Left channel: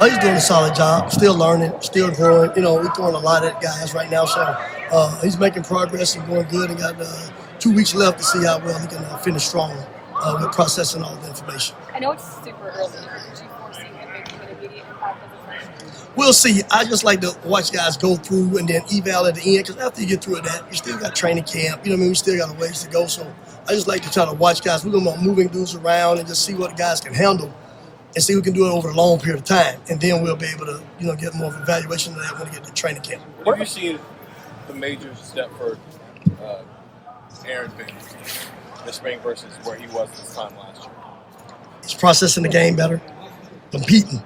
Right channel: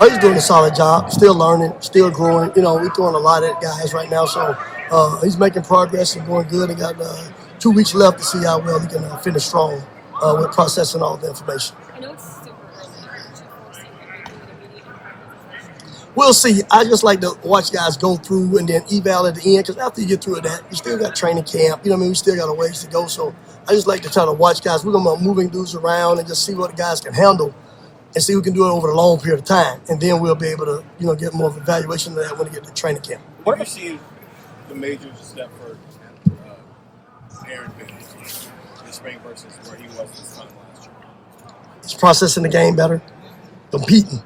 He's doing a solid job, still learning, still growing. We're throwing a lot at guys right now, so he's making progress and going good. And got 2 weeks left to see how well he can finish strong with processing all the information. I know it's super early, but did you foresee him making an immediate impact as a freshman? We'll see. I just like to watch guys go through and then eval at the end, because after you get through that, you still got training camp. We still got a ways to go. So I just like to try to watch guys. We're going to be moving dudes around and just see what the guys can handle and see who can do it over a long period of time. And then we'll be able to, get more of an evaluation of that when we get to training camp. What have you seen the major step for Aaron been this spring versus where he was this time last year? He's processing the game better, competing.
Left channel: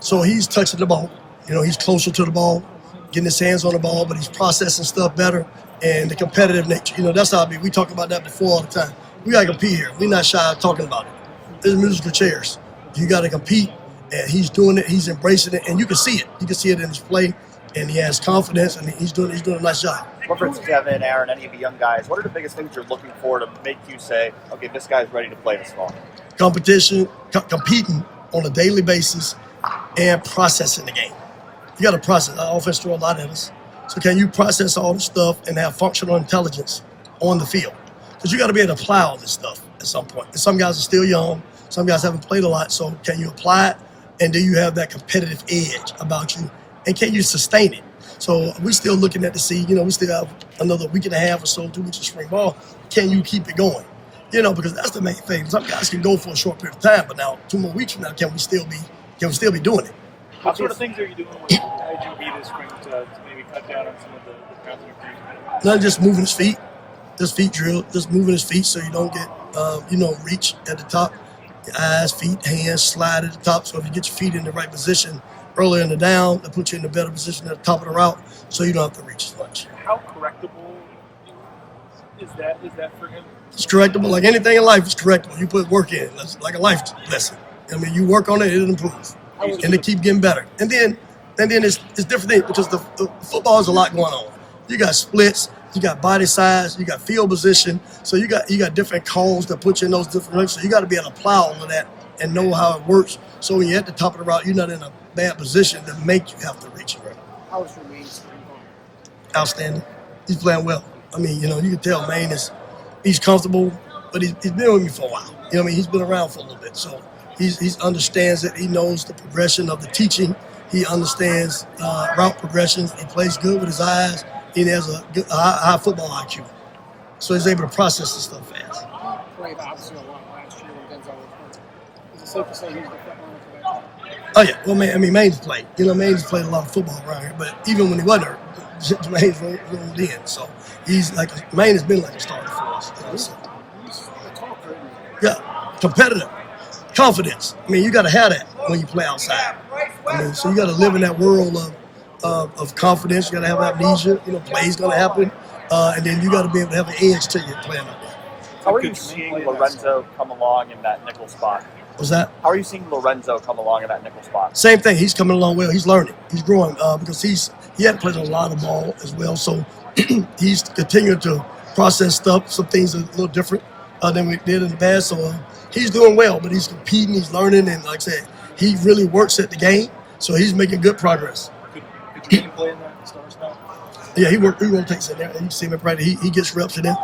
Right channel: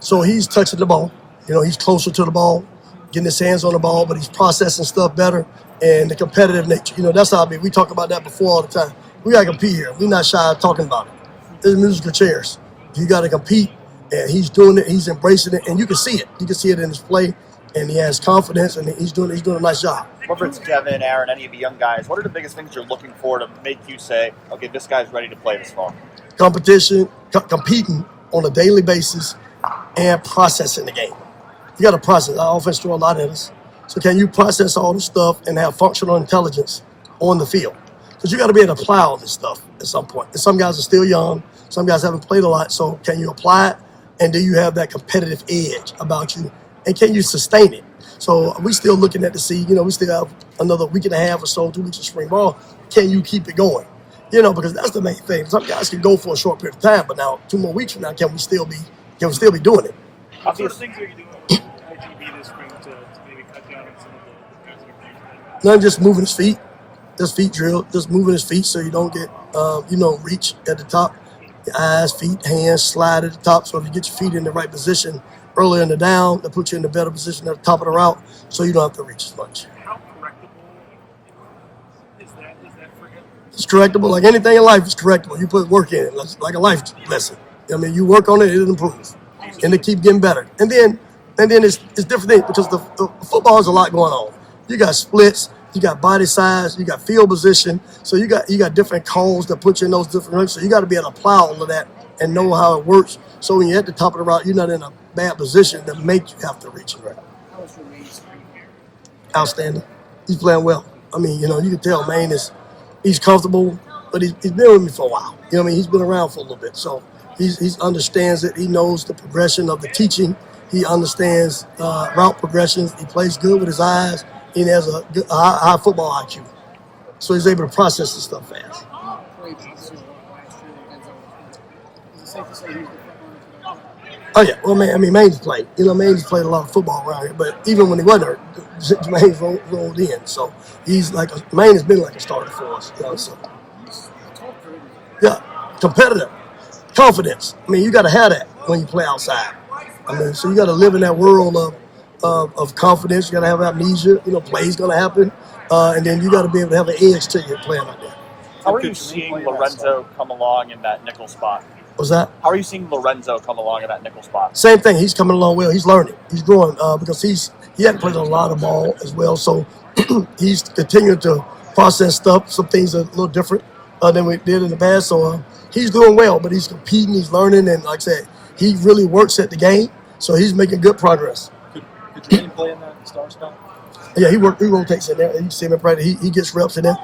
So he's touching the ball. He's closer to the ball, getting his hands on the ball, but he's processing stuff better, and the competitive nature. That's how we talk about that before all the time. We got to compete here. We're not shy of talking about it. There's musical chairs. You got to compete, and he's doing it. He's embracing it, and you can see it. You can see it in his play, and he has confidence, and he's doing a nice job. What brings Kevin, Aaron, any of the young guys? What are the biggest things you're looking for to make you say, okay, this guy's ready to play this fall? Competition, competing on a daily basis, and processing the game. You got to process. Our offense throws a lot at us. So can you process all this stuff and have functional intelligence on the field? Because you got to be able to apply all this stuff at some point. And some guys are still young. Some guys haven't played a lot. So can you apply it? And do you have that competitive edge about you? And can you sustain it? So we're still looking at to see, we still have another week and a half or so, 2 weeks of spring ball. Can you keep it going? Because that's the main thing. Some guys can go for a short period of time, but now 2 more weeks from now, can we still be doing it? What sort of things are you doing with IGB this spring to maybe cut down on some of the kinds of improvements? Not just moving his feet, just feet drill, just moving his feet so you don't get, reach at the top. Your eyes, feet, hands slide at the top. So if you get your feet in the right position earlier in the down, that puts you in a better position at the top of the route so you don't have to reach as much. How correctable is that for him? It's correctable. Like anything in life is correctable. You put work in it, like a life lesson. You work on it, it'll improve. And they keep getting better. And then it's different things because the football has a lot going on. You got splits, you got body size, you got field position. So you got different calls that put you in those different ranks. So you got to be able to apply all of that and know how it works. So when you're at the top of the route, you're not in a bad position that make you have to reach it right. How is Jermaine spring ball? Outstanding. He's playing well. You can tell Maine he's comfortable, but he's been with me for a while. He's been around for a little bit. So He understands it. He knows the progression of the teaching. He understands route progressions. He plays good with his eyes. He has a high football IQ. So he's able to process the stuff fast. Played obviously a lot last year when Denzel was playing. Is it safe to say he's the front runner for that job? Oh, yeah. Well, Maine's played. Maine's played a lot of football around here. But even when he wasn't hurt, Jermaine's rolled in. So he's Maine has been like a starter for us. So. He's a tall curve. Yeah, competitive. Confidence. You got to have that when you play outside. So you got to live in that world of confidence. You got to have amnesia. Plays going to happen. And then you got to be able to have an edge to your playing out there. How are you seeing Lorenzo come along in that nickel spot? What's that? How are you seeing Lorenzo come along in that nickel spot? Same thing. He's coming along well. He's learning. He's growing because he hadn't played a lot of ball as well. So he's continuing to process stuff. Some things are a little different than we did in the past. So he's doing well, but he's competing. He's learning. And like I said, he really works at the game. So he's making good progress. Could Jermaine play in that star spot? Yeah, he rotates in there. You see him in practice. He gets reps in there.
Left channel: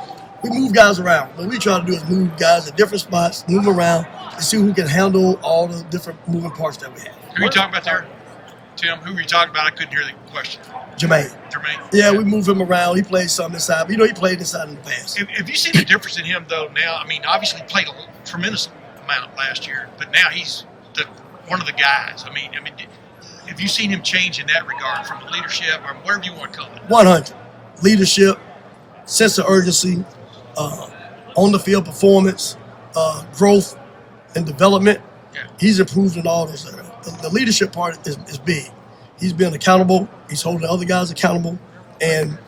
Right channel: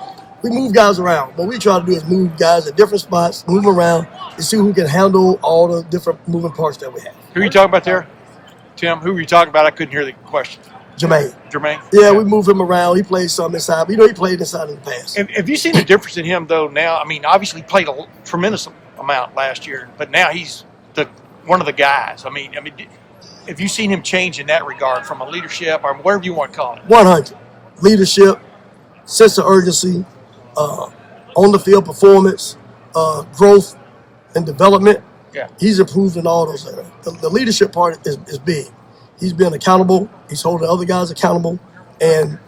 We move guys around. What we try to do is move guys at different spots, move them around, and see who can handle all the different moving parts that we have. Who are you talking about there? Tim, who were you talking about? I couldn't hear the question. Jermaine. Yeah, we move him around. He plays some inside. But, he played inside in the past. Have you seen the difference in him, though, now? Obviously he played a tremendous amount last year, but now he's one of the guys. Have you seen him change in that regard from a leadership or whatever you want to call it? 100. Leadership, sense of urgency, on the field performance, growth and development. Yeah. He's improved in all those areas. The leadership part is big. He's been accountable. He's holding other guys accountable. And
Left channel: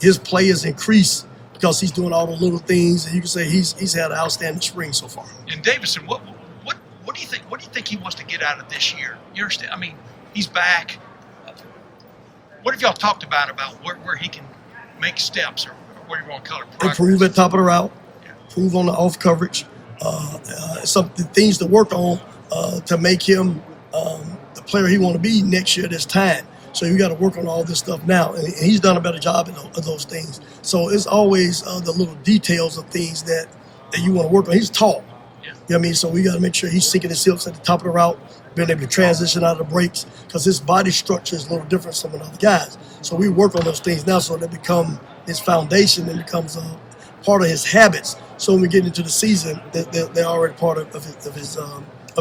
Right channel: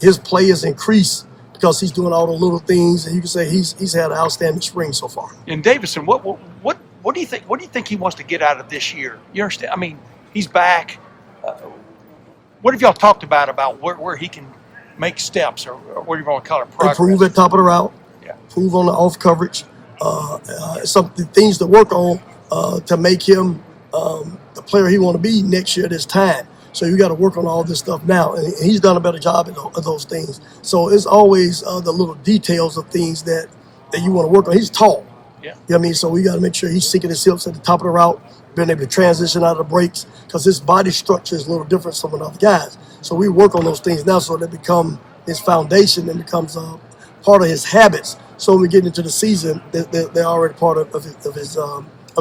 his play has increased because he's doing all the little things. And you can say he's had an outstanding spring so far. And Davison, what do you think? What do you think he wants to get out of this year? You understand? He's back. What have y'all talked about where he can make steps or what do you want to call it? Progress? Improve at top of the route. Yeah. Improve on the off coverage. Some things to work on to make him the player he want to be next year this time. So you got to work on all this stuff now, and he's done a better job of those things. So it's always the little details of things that you want to work on. He's tall. Yeah. You know what I mean? So we got to make sure he's sinking his hips at the top of the route, being able to transition out of the breaks, because his body structure is a little different from some of the other guys. So we work on those things now so they become his foundation and becomes part of his habits. So when we get into the season, they're already part of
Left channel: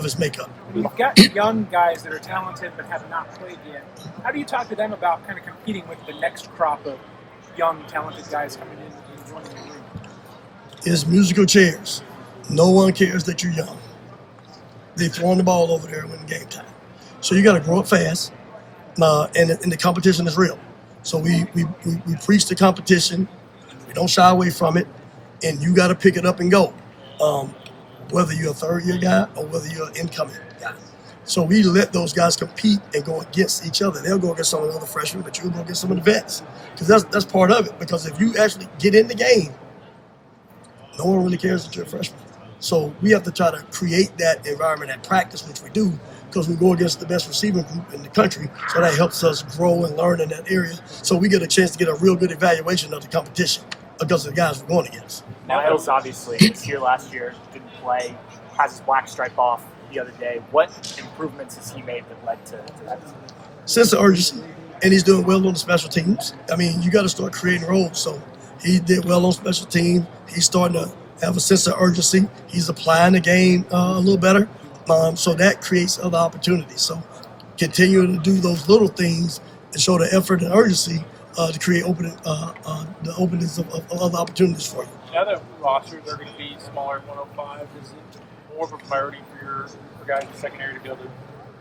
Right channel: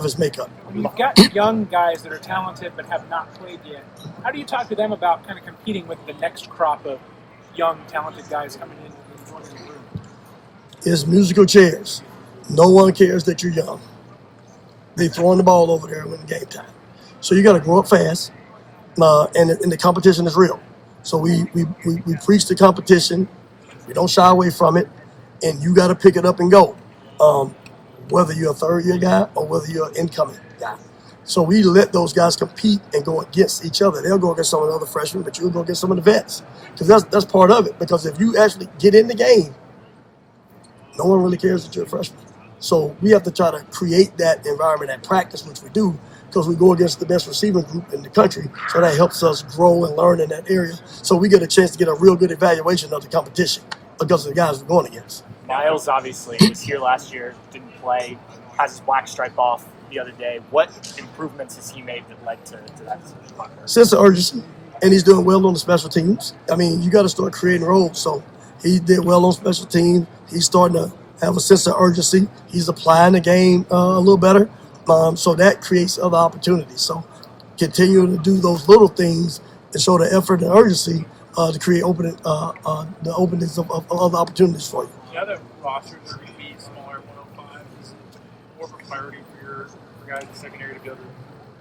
his makeup. We've got young guys that are talented but have not played yet. How do you talk to them about kind of competing with the next crop of young, talented guys coming in and joining the league? It's musical chairs. No one cares that you're young. They throwing the ball over there when game time. So you got to grow up fast, and the competition is real. So we preach the competition. We don't shy away from it, and you got to pick it up and go. Whether you're a third-year guy or whether you're an incoming guy. So we let those guys compete and go against each other. They'll go against some of the other freshmen, but you'll go against some of the vets. Because that's part of it. Because if you actually get in the game, no one really cares that you're a freshman. So we have to try to create that environment at practice, which we do, because we go against the best receiving group in the country. So that helps us grow and learn in that area. So we get a chance to get a real good evaluation of the competition because of the guys we're going against. Now, Hills obviously was here last year, didn't play, has his black stripe off the other day. What improvements has he made that led to that? Sense of urgency, and he's doing well on the special teams. I mean, you got to start creating roles. So he did well on special teams. He's starting to have a sense of urgency. He's applying the game a little better. So that creates other opportunities. So continuing to do those little things and show the effort and urgency to create the openings of other opportunities for you. Now that rosters are going to be smaller at 105, is it more of a priority for your guys in the secondary to be able to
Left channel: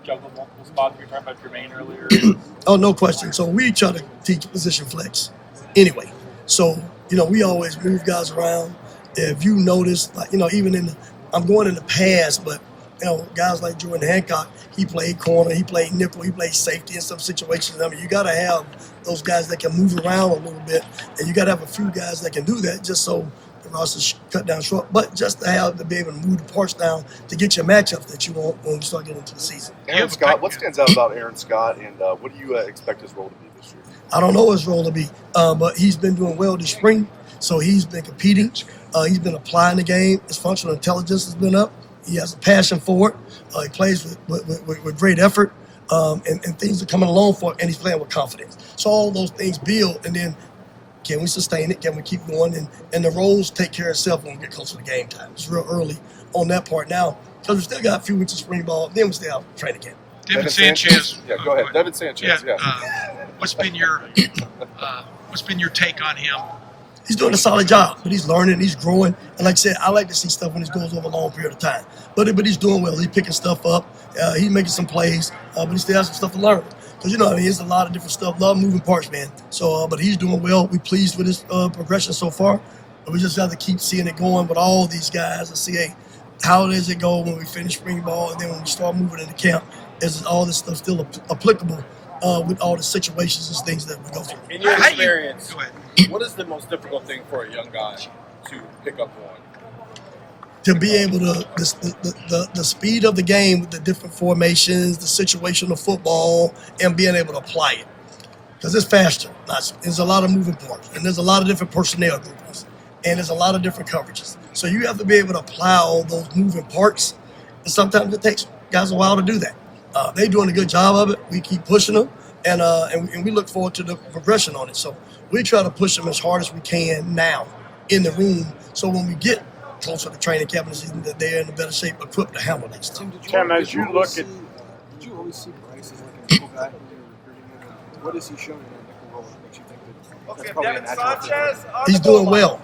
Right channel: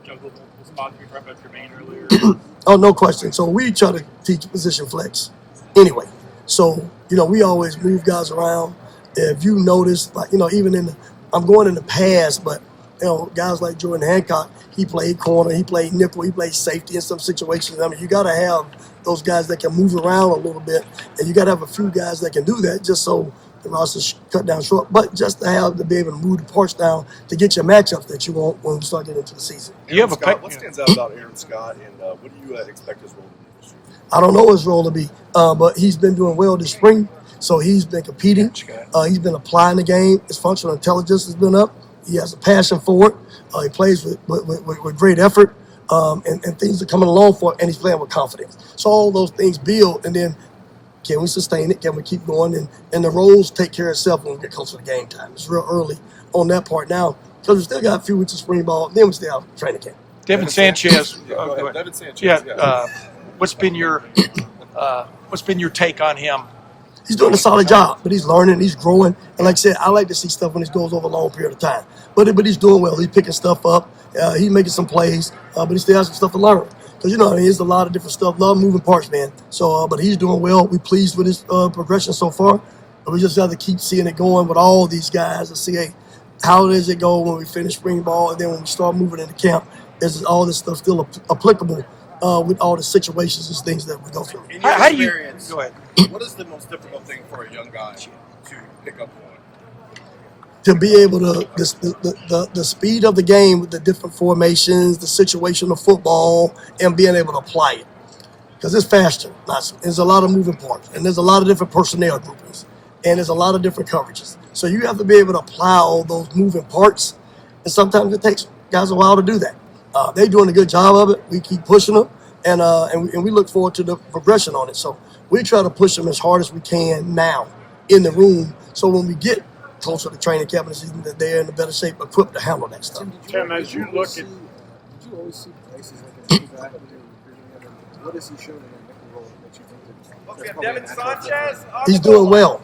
juggle multiple spots? We were talking about Jermaine earlier. Oh, no question. So we try to teach position flex anyway. So, we always move guys around. If you notice, like, even I'm going in the past, but, guys like Jordan Hancock, he played corner, he played nickel, he played safety in some situations. I mean, you got to have those guys that can move around a little bit, and you got to have a few guys that can do that just so the roster's cut down short, but just to be able to move the parts down to get your matchups that you want when we start getting into the season. Aaron Scott, what stands out about Aaron Scott, and what do you expect his role to be this year? I don't know his role to be, but he's been doing well this spring, so he's been competing. He's been applying the game. His functional intelligence has been up. He has a passion for it. He plays with great effort, and things are coming along for it, and he's playing with confidence. So all those things build, and then can we sustain it? Can we keep going? And the roles take care of itself when we get closer to game time. It's real early on that part now because we still got a few weeks of spring ball. Then we still have training camp. Devin Sanchez. Yeah, go ahead. Devin Sanchez. What's been your take on him? He's doing a solid job, but he's learning, he's growing. And like I said, I like to see stuff when it goes over a long period of time. But he's doing well. He's picking stuff up. He's making some plays, but he still has some stuff to learn. Because, there's a lot of different stuff, a lot of moving parts, man. So, but he's doing well. We're pleased with his progression so far. But we just got to keep seeing it going with all these guys and see, hey, how does it go when we finish spring ball and then when we start moving into camp? Is all this stuff still applicable with all the situations and things that we go through? In your experience, Go ahead. what is the most difficult thing for a young guy to pick up on? To be able to, the speed of the game with the different formations, the situational football, and being able to apply it. Because it's faster. There's a lot of moving parts, and there's a lot of different personnel groupings, and there's a lot of different coverages. So you have to be able to apply all those moving parts, and sometimes it takes guys a while to do that. They're doing a good job of it. We keep pushing them, and we look forward to the progression on it. So we try to push them as hard as we can now in the room, so when we get closer to training camp and season, that they're in a better shape, equipped to handle that stuff. Tim, as you look at, did you always see Bryce as like a nickel guy when you were recruiting him? And what has he shown in that nickel role that makes you think that's probably a natural fit for him? He's doing well.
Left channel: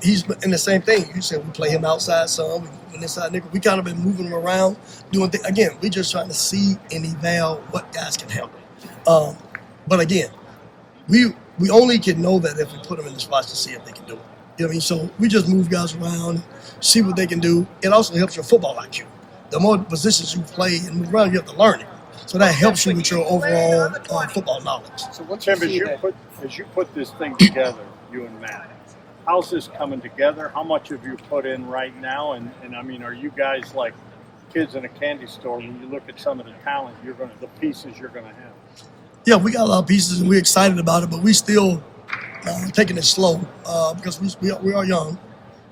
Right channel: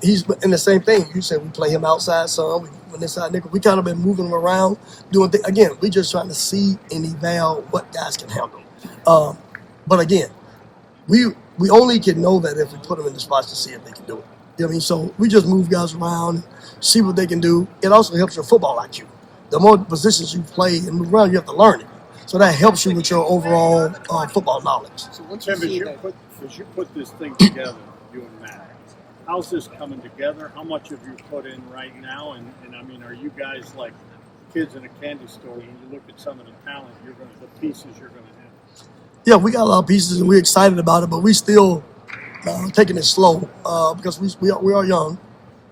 He's in the same thing. You said we play him outside some, we inside nickel. We kind of been moving him around, doing things. Again, we just trying to see and eval what guys can handle. But again, we only can know that if we put them in the spots to see if they can do it. You know what I mean? So we just move guys around, see what they can do. It also helps your football IQ. The more positions you play and move around, you have to learn it. So that helps you with your overall football knowledge. So once Tim, you as you put this thing together, you and Matt, how's this coming together? How much have you put in right now? And I mean, are you guys like kids in a candy store when you look at some of the talent the pieces you're gonna have? Yeah, we got a lot of pieces and we're excited about it, but we still taking it slow because we are young.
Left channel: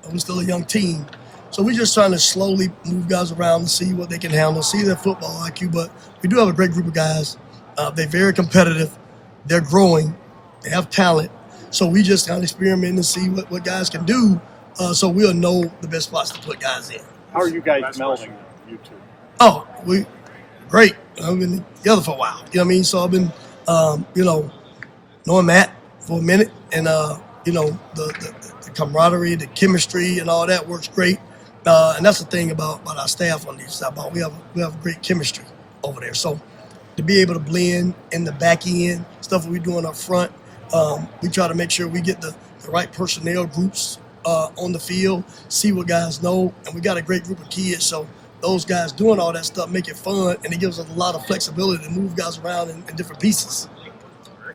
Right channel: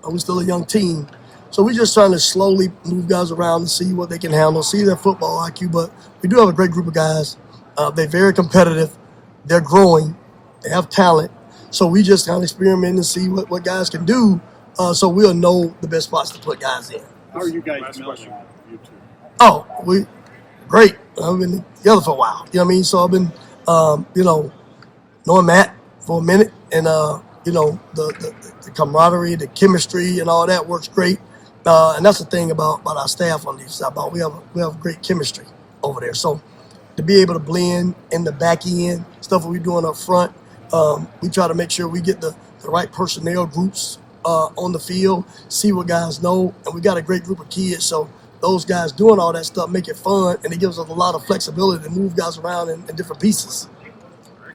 We're still a young team. So we're just trying to slowly move guys around and see what they can handle, see their football IQ. But we do have a great group of guys. They're very competitive. They're growing. They have talent. So we just kind of experiment and see what guys can do so we'll know the best spots to put guys in. How are you guys Last melding, question. you two? Oh, we great. I've been together for a while. You know what I mean? So I've been, knowing Matt for a minute, and the camaraderie, the chemistry, and all that works great. And that's the thing about our staff on these side. We have great chemistry over there. So to be able to blend in the back end, stuff we're doing up front, we try to make sure we get the right personnel groups on the field, see what guys know, and we got a great group of kids. So those guys doing all that stuff make it fun, and it gives us a lot of flexibility to move guys around in different pieces.